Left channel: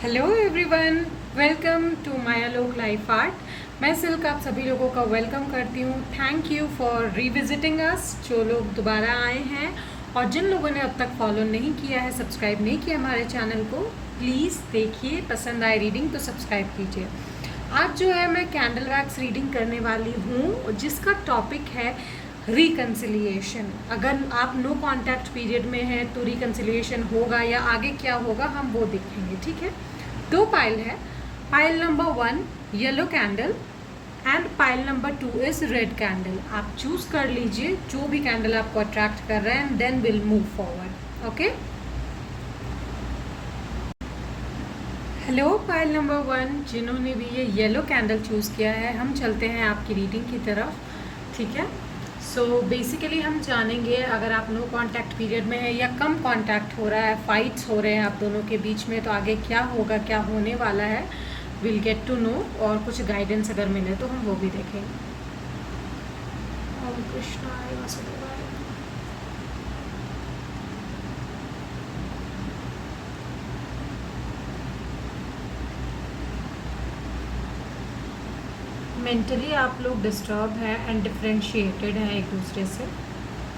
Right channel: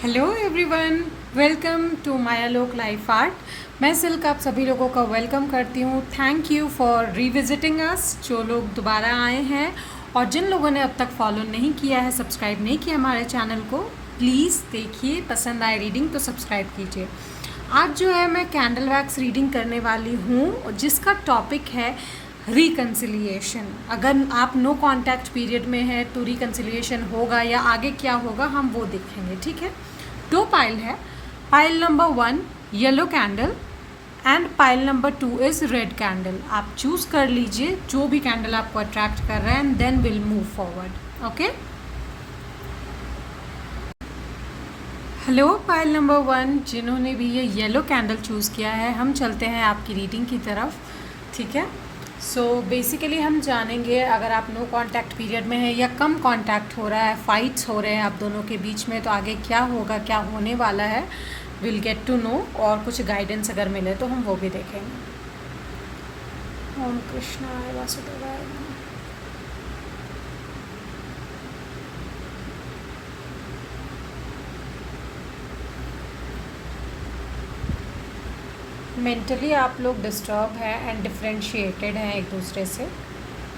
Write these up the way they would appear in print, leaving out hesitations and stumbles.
Hello everyone, welcome to Mayalok life art. मैं Silk आप सभी लोगों का वेलकम करती हूँ। Thank you for revisiting us. जो लोग दोबारा आए हैं और जिन लोगों ने अब तक फॉलो नहीं किया है, सब्सक्राइब नहीं किया हमारे चैनल को, प्लीज़ देखिए। पसंद आए रीडिंग तो सब्सक्राइब कीजिए। आज जो है मैं कैंडल वैक्स रीडिंग करने वाली हूँ जिसका टॉपिक है रिकन्सिलिएशन। अगर आप नो कांटेक्ट पीरियड में है तो रिकन्सिलिएशन होगा या आगे क्या होगा हम वो देखेंगे। ठीक है, दो पाइल है। Pile number 1 yellow candle and pile number 2 is red candle. आप चूज कर लीजिए जो भी कैंडल आपको अट्रैक्ट कर रहा है and then will move forward. Okay, hello pile number 1, जिन्होंने भी ये येलो कैंडल चूज़ किया है, हम चलते हैं आपकी रीडिंग की तरफ। ठीक है, सो बेसिकली हम जानेंगे अगर आप नो कांटेक्ट पीरियड में है या कम कांटेक्ट हो रहा है, फाइट्स हो रहे हैं आप दोनों के बीच में, तो आगे क्या होगा, क्या होने वाला है, विल गेट टू नो। और कुछ गाइडेंस अगर मिले तो हम वो भी देखेंगे। ओम कृष्णाय वासुदेवाय। मेंटली आप लोग डिस्टर्ब हैं एंड डिफ्रेंशिएटेड हैं एक दूसरे से।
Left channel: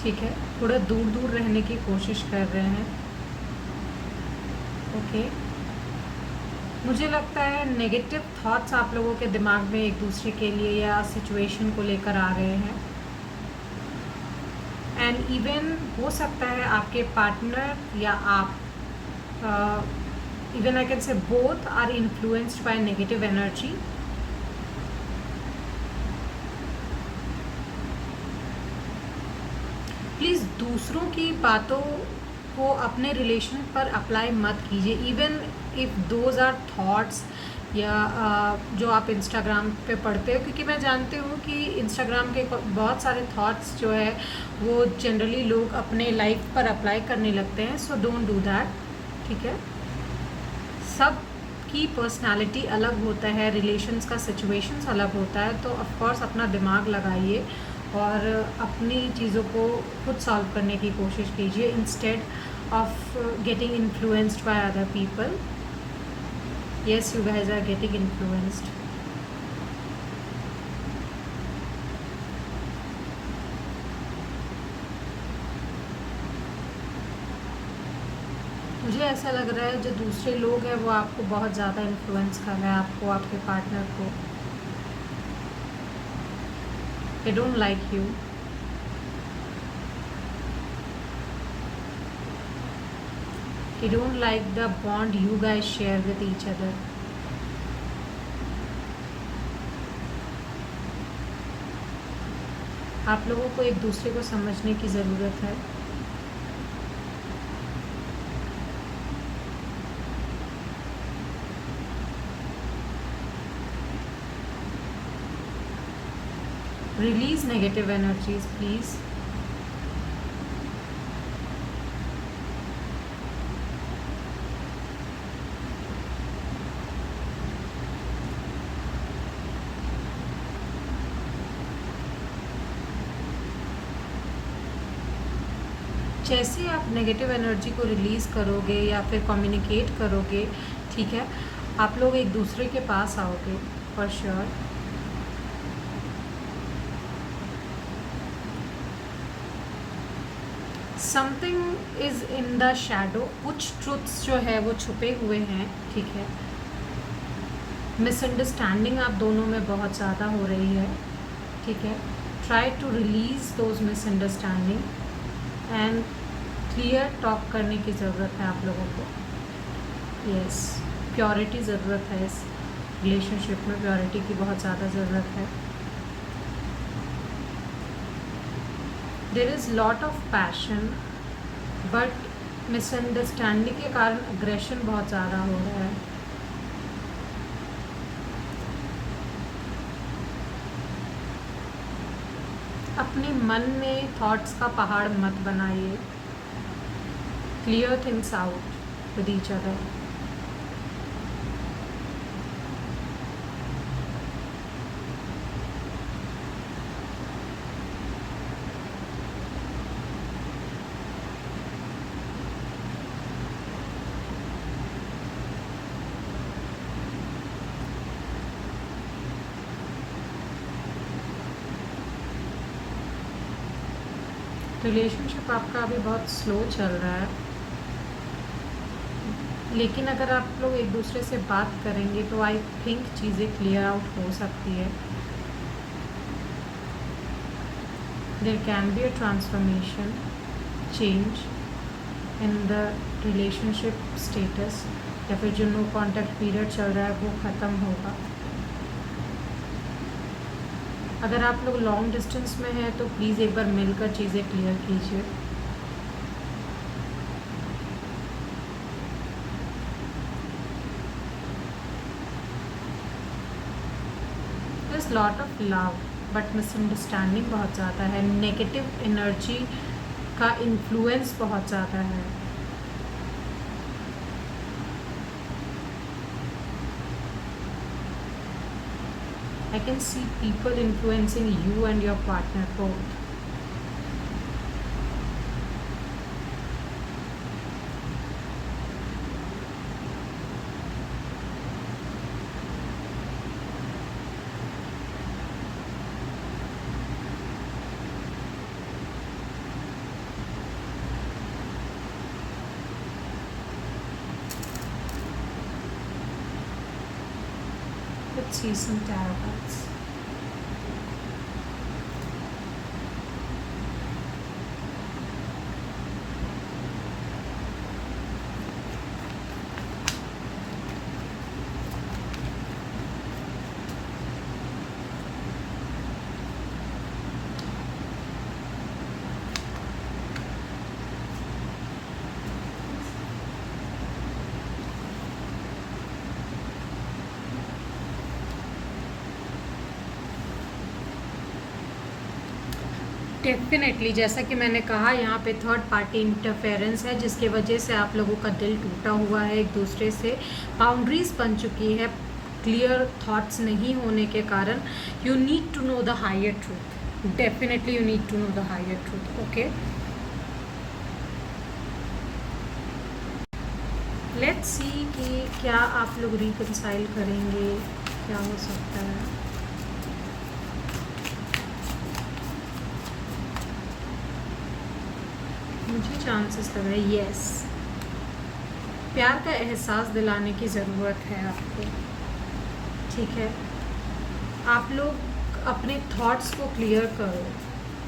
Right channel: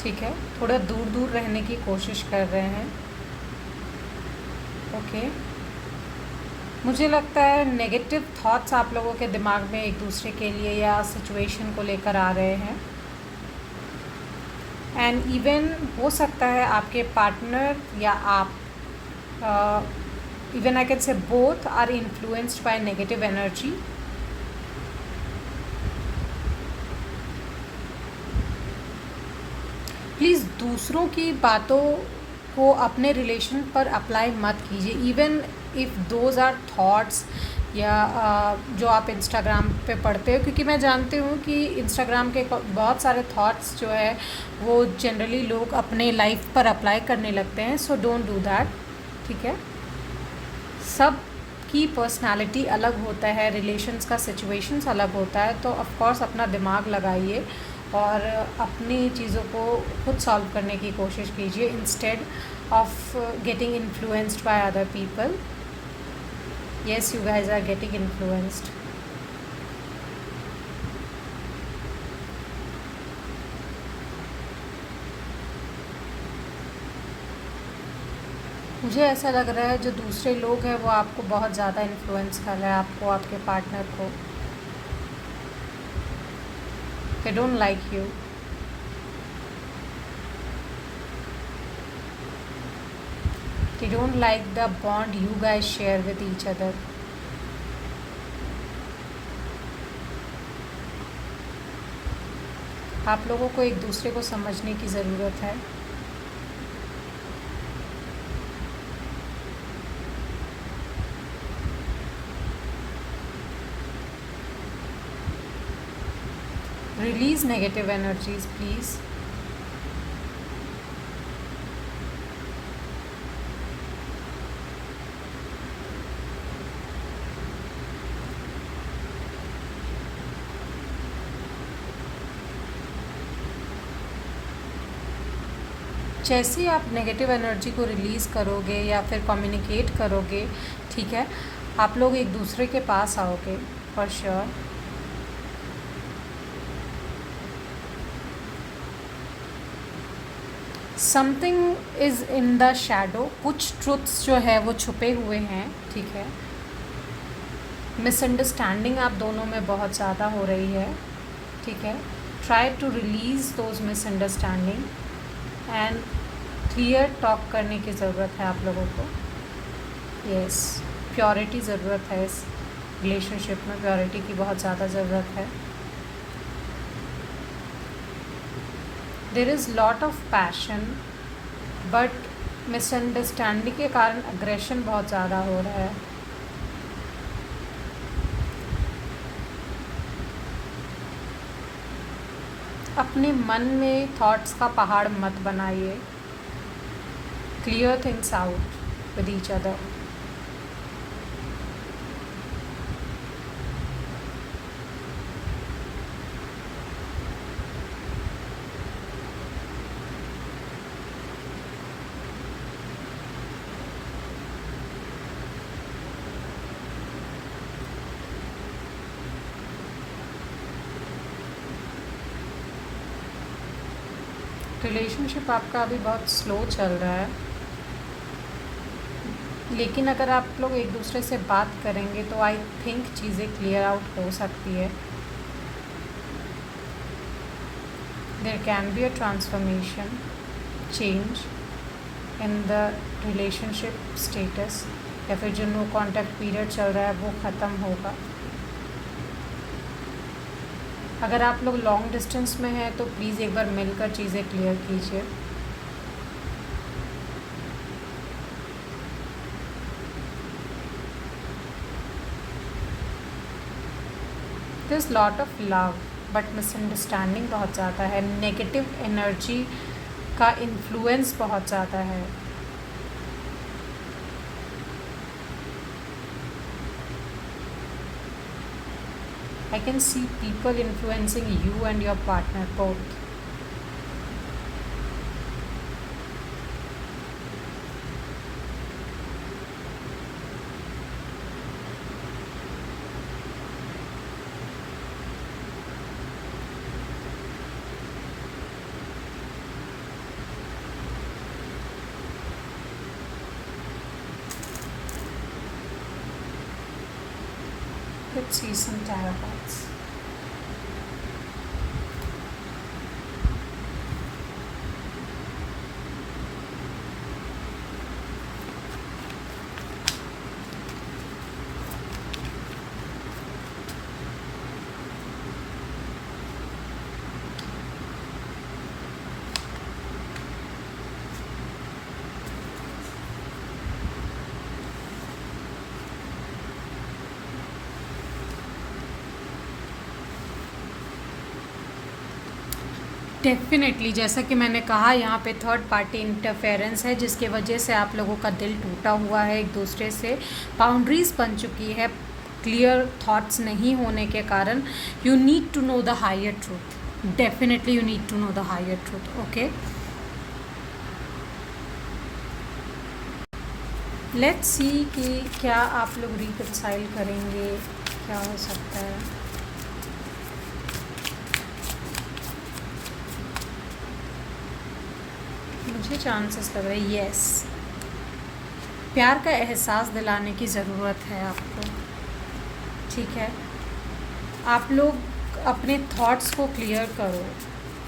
ठीक है, थोड़ा दूर दूर रहने की कोशिश कर रहे हैं। ओके, मुझे लगता है नेगेटिव थॉट्स आप लोगों के दिमाग में एक दूसरे के लिए या सिचुएशन को लेकर आ रहे हैं। एंड इवन हो सकता है आपके पार्टनर या आप, even I can say both are influenced by negative energy. Please दूसरों की बातों को अपने रिलेशन पर अप्लाई मत कीजिए, even if those are thoughts या जो आप इंस्टाग्राम पे पढ़ते हो, क्योंकि मैं जानती हूँ कि इंस्टाग्राम के बहुत सारे थॉट्स जो है वो जनरली लोग अपने लाइफ पर अप्लाई करने लगते हैं। So don't do that. ठीक है, सब की पर्सनालिटी अलग होता है, रिलेशंस का सिचुएशंस अलग होता है, तो ऑफ कोर्स अपना दिमाग लगाइए और अपनी चीज़ों को खुद सॉल्व करने की कोशिश कीजिए instead of getting influenced by other people. Yes, you guys are getting influenced. मुझे ऐसा लग रहा है जो दूसरे लोग हैं वो आपको बहुत ज़्यादा इन्फ्लुएंस कर रहे हैं, आपको, आपके पार्टनर को। They don't like you. They don't like the bond you guys share with each other. आप लोगों को एक दूसरे को समझने की ज़रूरत है। Release negative energies, please. जैसे आप नेगेटिव एनर्जी को रिलीज़ करोगे या फिर कम्युनिकेट करोगे, ठीक है, आप लोग एक दूसरे के पास आओगे for sure. Something is in the shadow, कुछ ट्रुथ्स जो है वो छुपे हुए हैं। ठीक है, मिसअंडरस्टैंडिंग आप दोनों में बहुत ज़्यादा हो रही है। ठीक है, try to release those misunderstanding and clear talk करने की ज़रूरत है आप लोगों को। यस, प्योरिटी ज़रूरत है इस रिलेशनशिप में, प्योरिटी की बहुत ज़्यादा ज़रूरत है। There is lot of passion but misunderstanding के कारण अग्रेशन बहुत ज़्यादा हो रहा है। अपने मन में थॉट्स का पहाड़ मत बनाइए। Clear things out with each other. Relationship आपका अभी बहुत स्लो चल रहा है, लेकिन अगर आप लोग एक दूसरे से बात करेंगे तो आई थिंक चीज़ें क्लियर आउट हो सकती है। There can be a transformation, change in the relationship status, या फिर जो नो कॉन्टैक्ट पीरियड चल रहा है वो ख़त्म होगा। अगर आप लोग लॉन्ग डिस्टेंस में हैं तो प्लीज़ एक बार मिलकर चीज़ें क्लियर कीजिए। This lot of love but misunderstanding बहुत ज़्यादा है, नेगेटिव एनर्जी का इन्फ्लुएंस बहुत ज़्यादा है। I can see people influencing you and your partner both. Let's see some tarot cards. Definitely, जैसा कि मैंने कहा, यहाँ पे थर्ड पार्टी इंटरफेरेंस है जिसके वजह से आप लोगों का दिल टूटा हुआ है एक दूसरे से, बाउंड्रीज बन चुकी है क्लियर थॉट्स नहीं होने के कारण। You need to know the higher truth, definitely you need to know the higher truth. Okay, let's see कि क्या आप लोग रिकंसाइल करेंगे, क्या हो सकता है। चांसेस लग रहा है यस, प्यार का एहसास दिलाने की ज़रूरत है आपको। ठीक है, आप लोग अपने थॉट्स को क्लियर करो,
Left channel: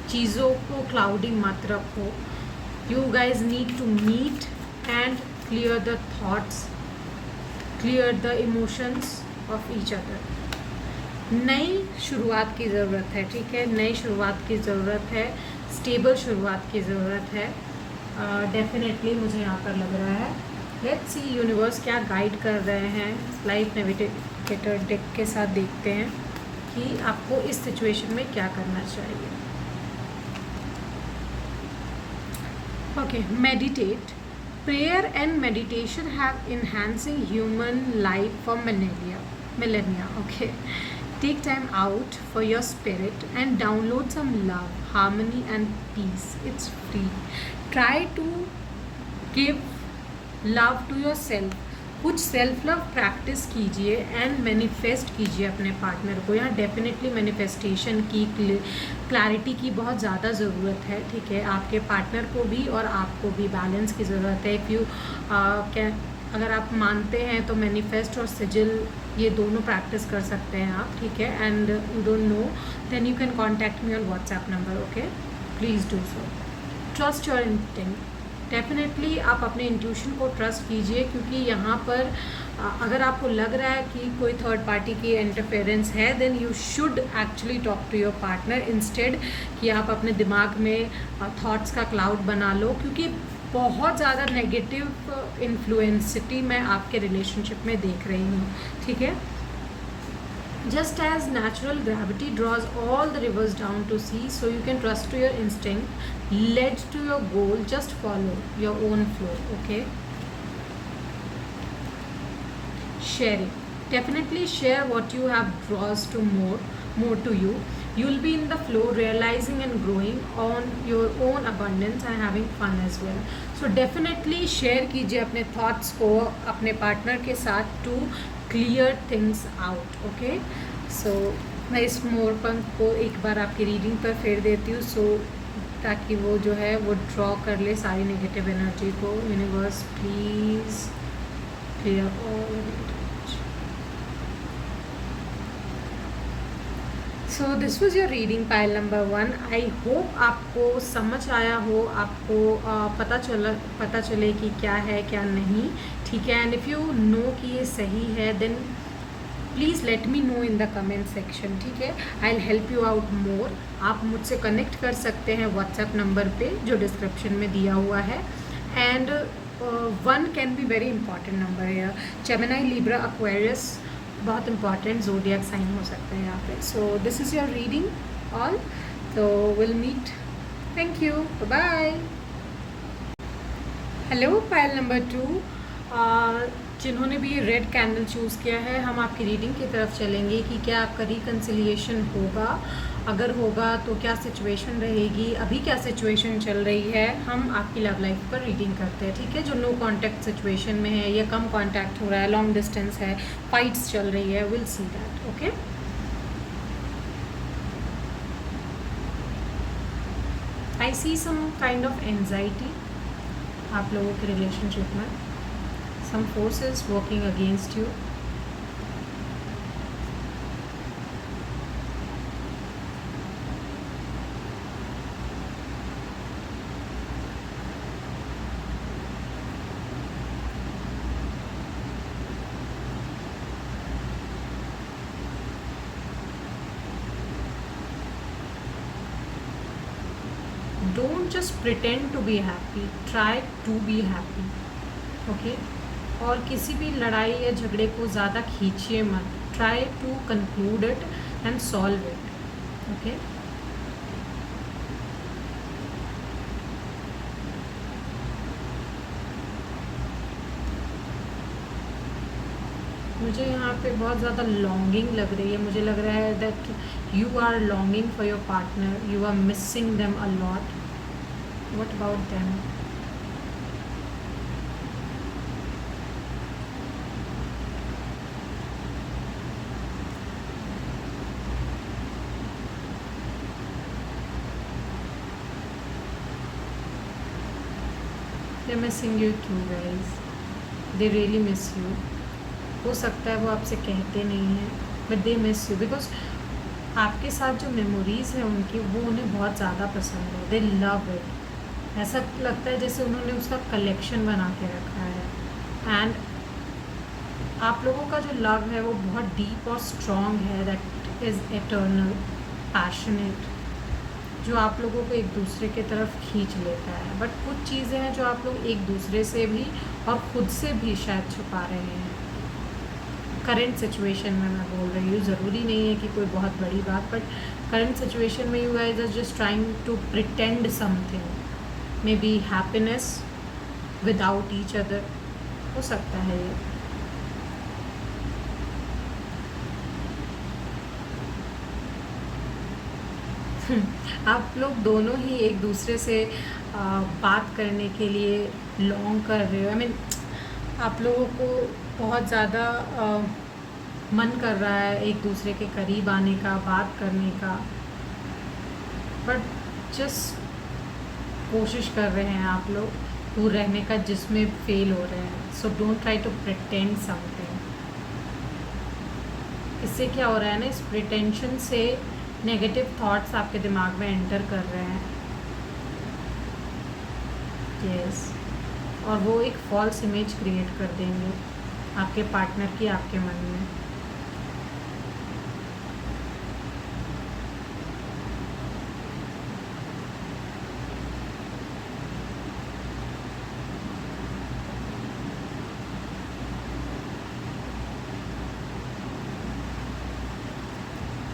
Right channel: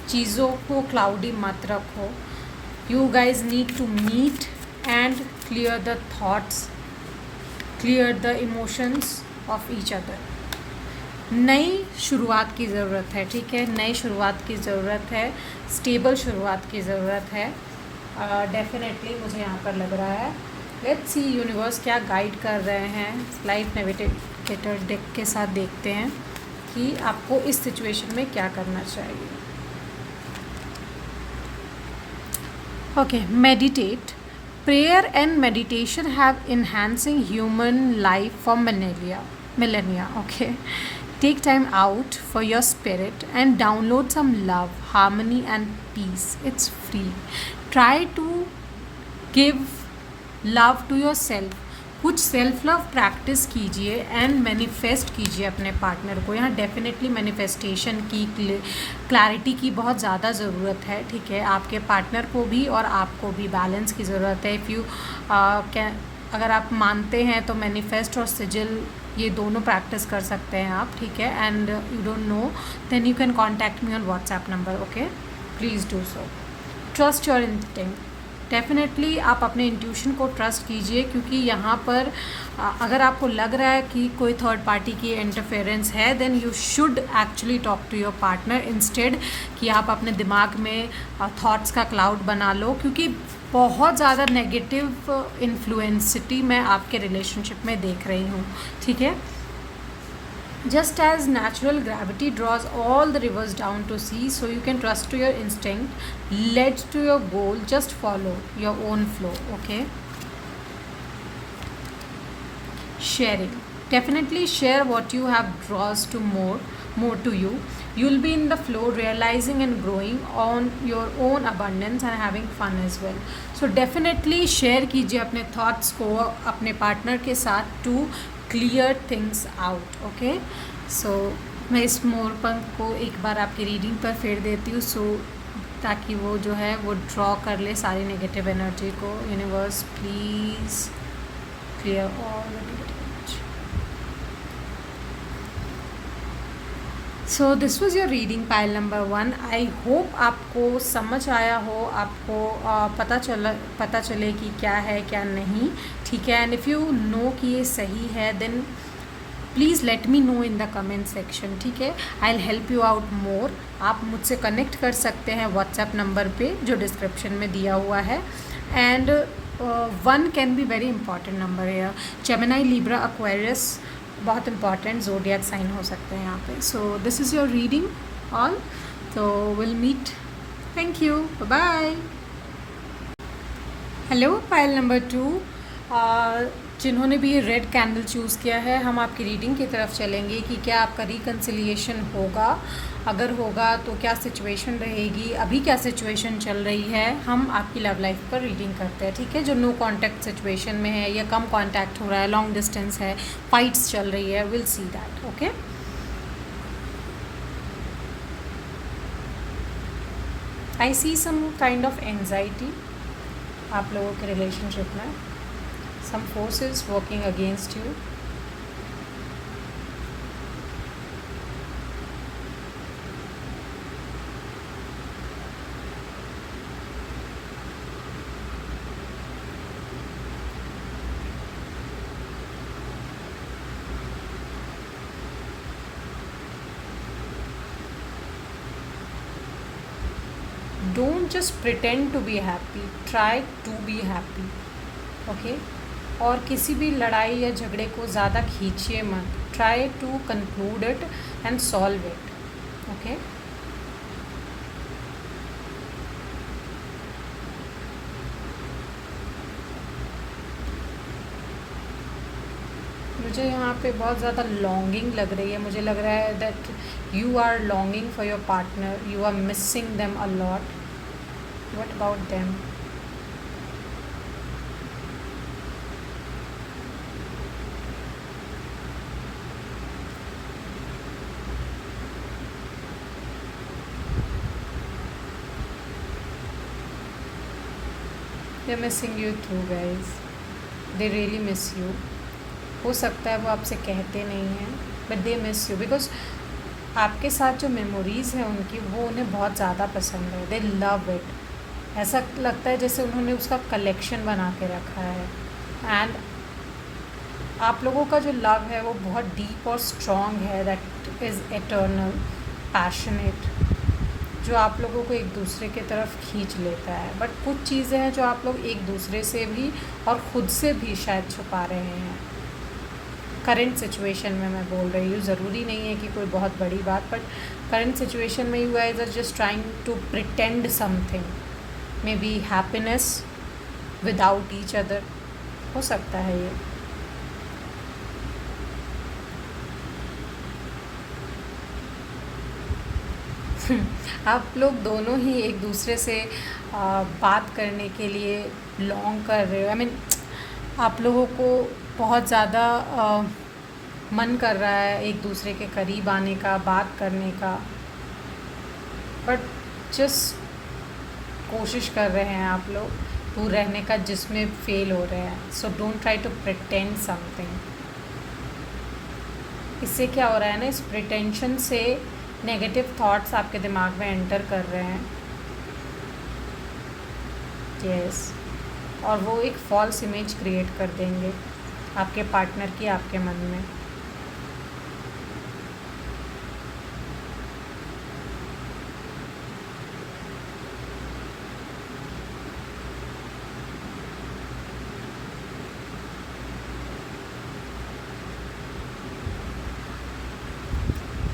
चीज़ों को क्लाउडी मत रखो। You guys need to meet and clear the thoughts, clear the emotions of each other. नई शुरुआत की ज़रूरत है, ठीक है, नई शुरुआत की ज़रूरत है, स्टेबल शुरुआत की ज़रूरत है। डेफिनेटली मुझे यहाँ पर लग रहा है। लेट्स सी यूनिवर्स क्या गाइड कर रहे हैं। लाइफ नेविगेटर डेक के साथ देखते हैं कि आपको इस सिचुएशन में क्या करना चाहिए। Okay, meditate. Prayer and meditation have enhancing human life for millennia. Okay, take time out for your spirit and download some love, harmony and peace. It's free. Try to give love to yourself. कुछ self love practice कीजिए and manifest कीजिए अपने partner को। यहाँ definitely manifestation की, clarity की बहुत ज़्यादा ज़रूरत है। ठीक है, आपके पार्टनर को भी और आपको भी बैलेंस की ज़रूरत है। इफ़ यू कैन, अगर आप मानते हैं तो मैनिफेस्ट और सिजिल ये दोनों प्रैक्टिस कर सकते हैं आप। ठीक है, and you don't know then you can contact me on WhatsApp number. Okay, please do so. Trust your instinct. Definitely आप अपने इंट्यूशन को ट्रस्ट कीजिए, क्योंकि यहाँ पर अगर आपको लग रहा है कि कोई थर्ड पार्टी की इंटरफेरेंस है, then you should actually talk to your partner instead कि आप अपने दिमाग में थॉट्स का क्लाउड बना लो, क्योंकि बहुत ज़्यादा नेगेटिव इन्फ्लुएंसिटी मैं आपके रिलेशनशिप में देख रही हूँ। ठीक है, just as natural gravity draws all the rivers down to sea, so you can trust to your instinct, led to your goal, just follow your own flow. Okay, sharing. Definitely share what you have draws to more to you. You'll be in the flow, realizing and growing on your own abundance and having fun as well. So definitely share कीजिए अपने thoughts को अपने partner के साथ to clear things out. Okay, so मैं इस मोरपंख को एक बार आपकी रीडिंग पर फेर देती हूँ। सो ताकि वो जो है वो ड्रॉ कर ले सारी नेगेटिव एनर्जी को। Universe please clear all negative. So this was your reading pile number 1। I hope आपको समझ आया हो, आपको पता चले कि क्या है क्या नहीं, ठीक है। एंड इफ़ यू नो कि ये सही है then please let me know in the comment section, ठीक है। I will help you out more. आप मुझसे कनेक्ट कर सकते हैं व्हाट्सएप नंबर पे जो डिस्क्रिप्शन में दिया हुआ है। And 1 can be very important number है। जेमिनी, लिब्रा, एक्वेरियस बहुत इंपॉर्टेंट ज़ोडिएक साइन हो सकते हैं यहाँ पे। So this is your reading all. तो will meet. Thank you, bye. Hello Payal number 2। जिन्होंने भी ये रेड कैंडल चूज़ किया है, हम आपकी रीडिंग की तरफ चलेंगे कि क्या आपका रिकन्सिलिएशन होगा। अगर होगा तो क्या सिचुएशन रहेगी, अभी क्या सिचुएशन चल रही है, हम आपकी लव लाइफ पर रीडिंग करते हैं, ठीक है। जो नो कांटेक्ट सिचुएशन में है या कम कांटेक्ट हो रहा है, लॉन्ग डिस्टेंस है, फाइट्स चल रही है, will see that, okay. I see some kind of anxiety आप लोगों के रिलेशनशिप में, some forces working against you. Don't just pretend to be happy, try to be happy, okay? और किसी भी लड़ाई या झगड़े को ज़्यादा खींचिए मत। Try to conclude it and solve it, okay. मुझे यहाँ पे बहुत ज़्यादा लॉन्गिंग लग रही है। मुझे लग रहा है that you are longing for your partner, you are missing them a lot. What about them? They're missing you too, guys. They really miss you. हो सकता है वो आपसे कहते नहीं हैं, but they miss you because आपके साथ जो मेमोरीज़ हैं उनकी, वो उन्हें बहुत ज़्यादा पसंद है। They love it. ऐसा लगता है जैसे उन्होंने उसका कलेक्शन बना के रखा है। एंड आप लोगों का जो लव है वो बहुत डीप और स्ट्रॉन्ग है। दैट इज़ एटर्नल, पैशनेट, जो आप लोगों को एक दूसरे की तरफ खींच लेता है। बट कुछ चीज़ें हैं जो आप लोग एक दूसरे से भी और ख़ुद से भी शायद छुपा रहे हैं। करंट सिचुएशन में मैं बोल रही हूँ, ज़रूरी नहीं है कि कोई बहुत बड़ी बात, बट करंट सिचुएशन में you guys are just trying to pretend something, maybe happiness without each other, हो सकता है ये। आप लोग दोनों ही एक दूसरे से बात करने के लिए लॉन्ग कर रहे हो। आई मीन आप लोगों को बहुत ज़्यादा मन कर रहा है एक दूसरे के करीब आने का, बात करने का, बट जस्ट कोशिश कर रहे हैं आप लोग दूर रहने का, जिसमें फेल हो रहे हैं। So don't try to pretend something. इससे क्या हो रहा है ना, इस प्रिटेंशन से नेगेटिव थॉट्स आपके दिमाग में एंटर कर रहे हैं। यस, और वो एक फॉल्स इमेज क्रिएट कर देंगे आपके पार्टनर की आपके मन में।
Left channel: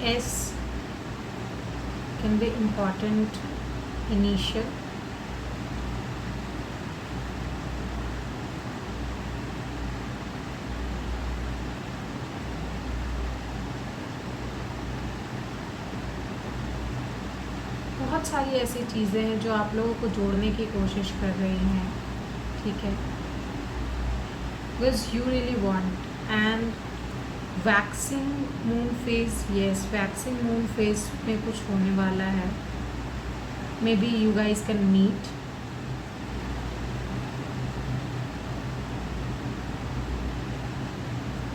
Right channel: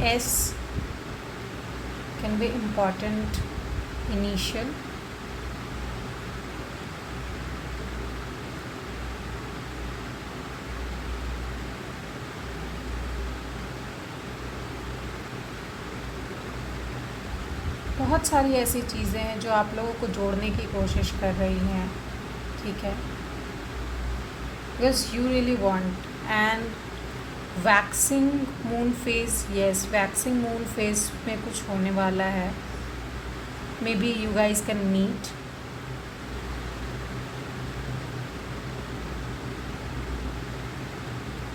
S can be important initial, बहुत सारी ऐसी चीज़ें हैं जो आप लोगों को जोड़ने की कोशिश कर रही हैं, ठीक है। Because you really want. And waxing moon phase, yes, waxing moon phase में कुछ होने वाला है। maybe you guys can meet.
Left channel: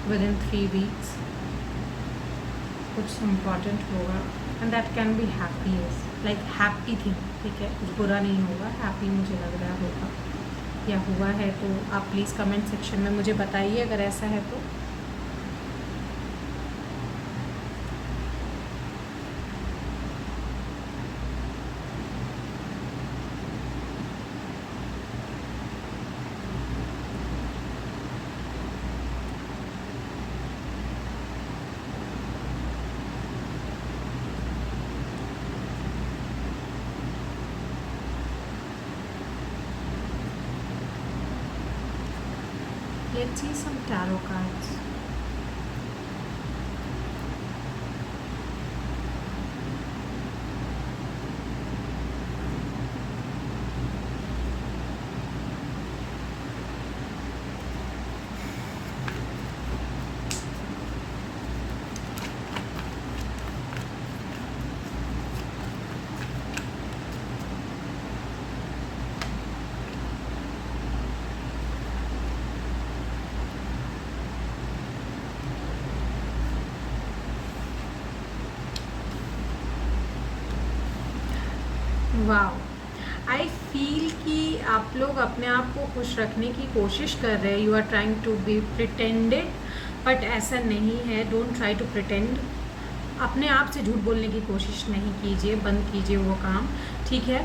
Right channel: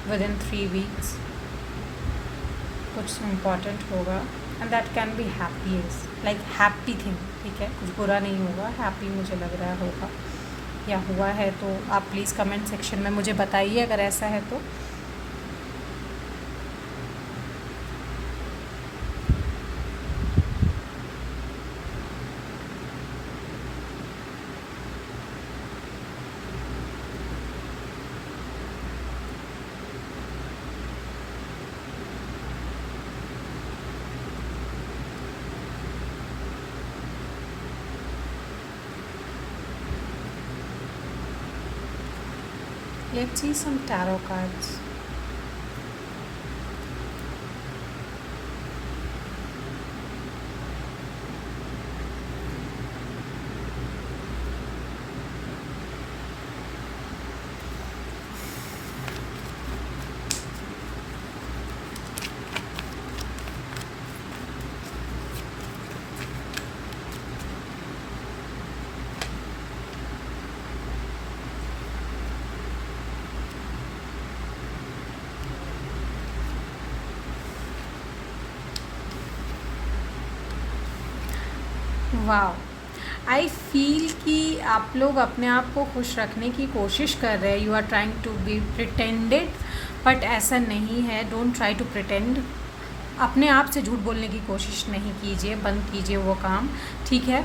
Within 3 weeks कुछ इम्पॉर्टेंट होगा and that can be happy, like happy thing, ठीक है, कुछ बुरा नहीं होगा, हैप्पी मुझे लग रहा होगा या हुआ है। तो आप प्लीज़ कमेंट सेक्शन में मुझे बताइए अगर ऐसा है तो। Let's see some tarot cards. Wow, I feel कि आप लोग अपने आप को खुश रखने की कोशिश कर रहे हैं। You are trying to be pretended, but ऐसा नहीं है। Don't try to pretend. अपने आप से झूठ बोलने की कोशिश नहीं कीजिए, बंद कीजिए वो काम, ठीक है।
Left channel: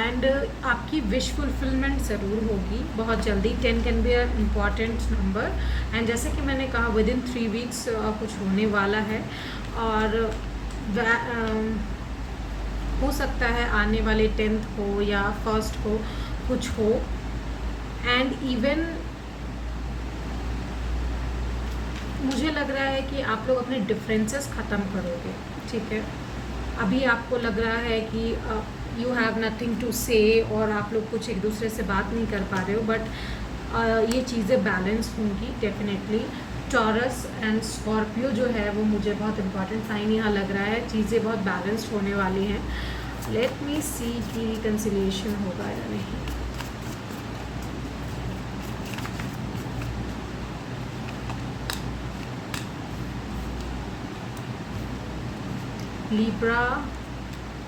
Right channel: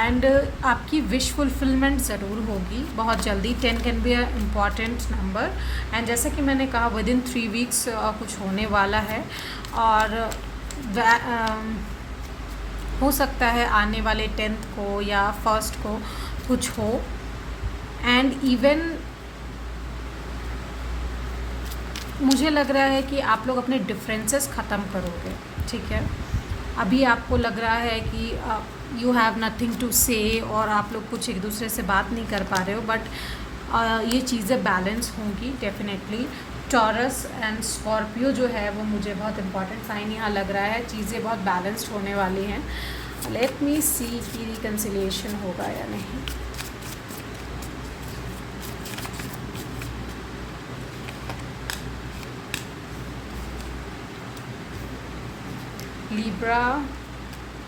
एंड आपकी विश फुलफिलमेंट ज़रूर होगी बहुत जल्दी। 10 can be a important number and जैसा कि मैंने कहा विद इन 3 वीक्स कुछ होने वाला है। और हो सकता है आने वाले 10th को या 1st को कुछ हो। एंड इवन मुझे लग रहा है कि आप लोग अपने डिफरेंसेस ख़त्म करोगे, ठीक है। अभी आपको लग रहा है कि यू हैव नथिंग टू से और आप लोग कुछ एक दूसरे से बात नहीं कर पा रहे हो, बट ये चीज़ें बैलेंस होंगी डेफिनेटली। टॉरस एंड स्कॉर्पियो जो है वो मुझे बहुत इंपॉर्टेंट साइन यहाँ लग रहा है। चीज़ें बहुत बैलेंस्ड होने वाली हैं। लेट मी सी कि रिकन्सिलिएशन होगा या नहीं। Libra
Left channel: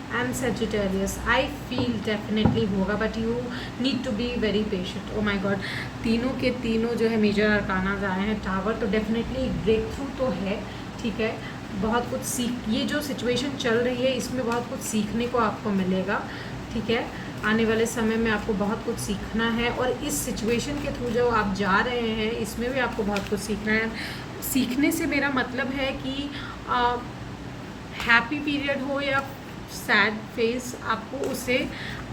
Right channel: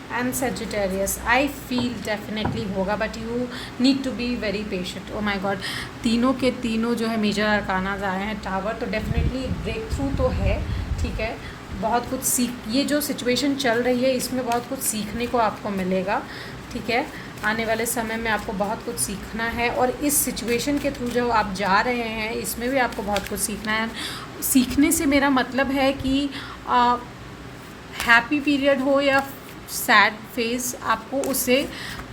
and Sagittarius, I feel definitely होगा, but you need to be very patient. Oh my God, तीनों के तीनों जो है मेजर अरकानाज आए हैं। टावर तो डेफिनेटली ब्रेक थ्रू तो है, ठीक है। बहुत कुछ ये जो सिचुएशन चल रही है इसमें बहुत कुछ सीखने को आपको मिलेगा, ठीक है। आने वाले समय में आपको बहुत कुछ सीखना है और इस सिचुएशन के थ्रू जो आप जा रहे हैं इसमें भी आपको बहुत कुछ सीखना है। सीखने से मेरा मतलब है कि हैप्पी पीरियड हो या सैड फेज, आपको उसे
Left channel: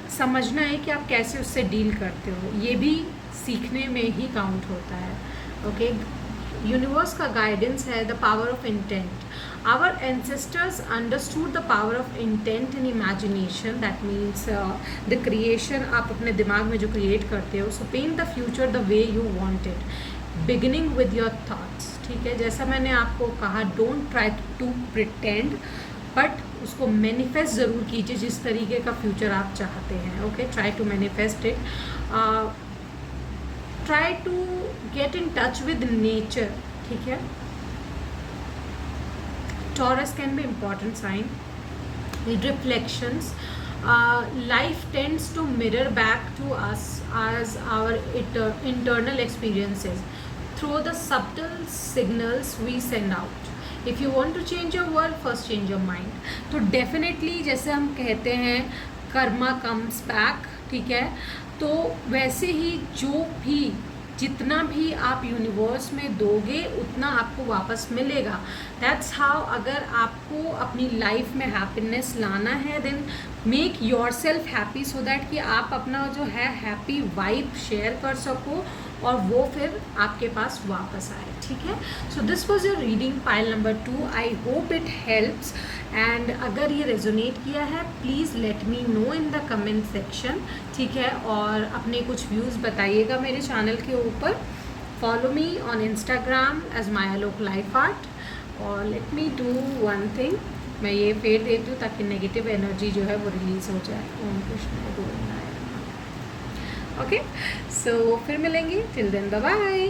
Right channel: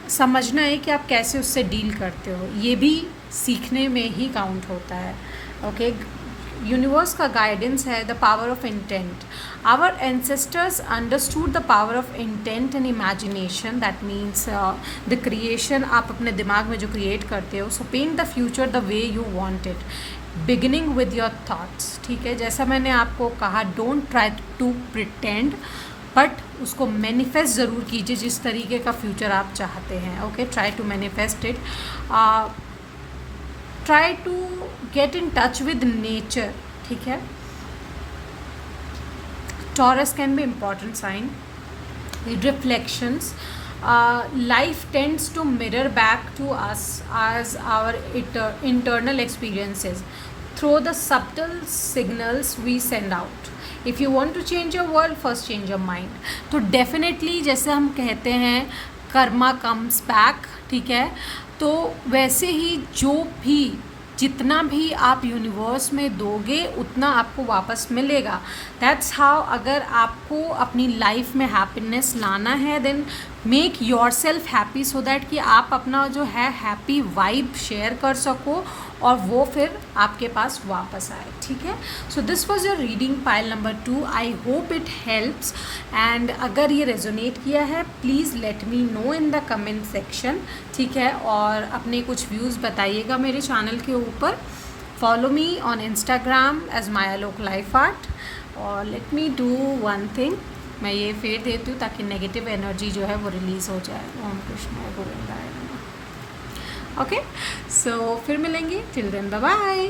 समझना है कि आप कैसे उससे डील करते हो। ये भी सीखने में ही काउंट होता है, ओके। यूनिवर्स का गाइडेंस है the power of intent. Our ancestors understood the power of intent and imagination, that means the creation. आप अपने दिमाग में जो क्रिएट करते हो, so paint the future the way you want it, beginning with your thoughts, ठीक है। जैसा मैंने आपको कहा, don't try to pretend, but उसको मैनिफेस्ट ज़रूर कीजिए जिस तरीके का फ्यूचर आप चाहते हैं, okay. Try to manifest it. Try to get in touch with nature, ठीक है। Taurus can be important sign. Reflections, life tends to mirror back to us as our internal experiences through the subtle signals we send out. If you want to change your world, first change your mind. तो definitely जैसे हम कहते हैं Karma comes back, ठीक है। तो वैसे ही जो भी जितना भी आप यूनिवर्स में दोगे उतना आपको वापस मिलेगा। That's how. अगर आपको अपनी लाइफ में हैप्पीनेस लाना है, then make yourself happy, so that कि आप अपना जो है हैप्पी वाइब शेयर कर सको और वो फिर आपके पास वापस आए, ठीक है। So this was your reading pile number 2। I hope it helps and अगर ये रेजोनेट किया है please let me know in the comment section, ठीक है। और अपने कुछ व्यूज़ बताइएगा मेरे चैनल के ऊपर। Follow me on Instagram as Mayalok life art. और let me do one thing, मैं ये फेर देती हूँ ताकि नेगेटिव एनर्जी जो है वो रिलीज़ हो जाए। ओम कृष्ण गोविंदाय। ओके, सो फिर मिलेंगे, टिल देन बाय बाय।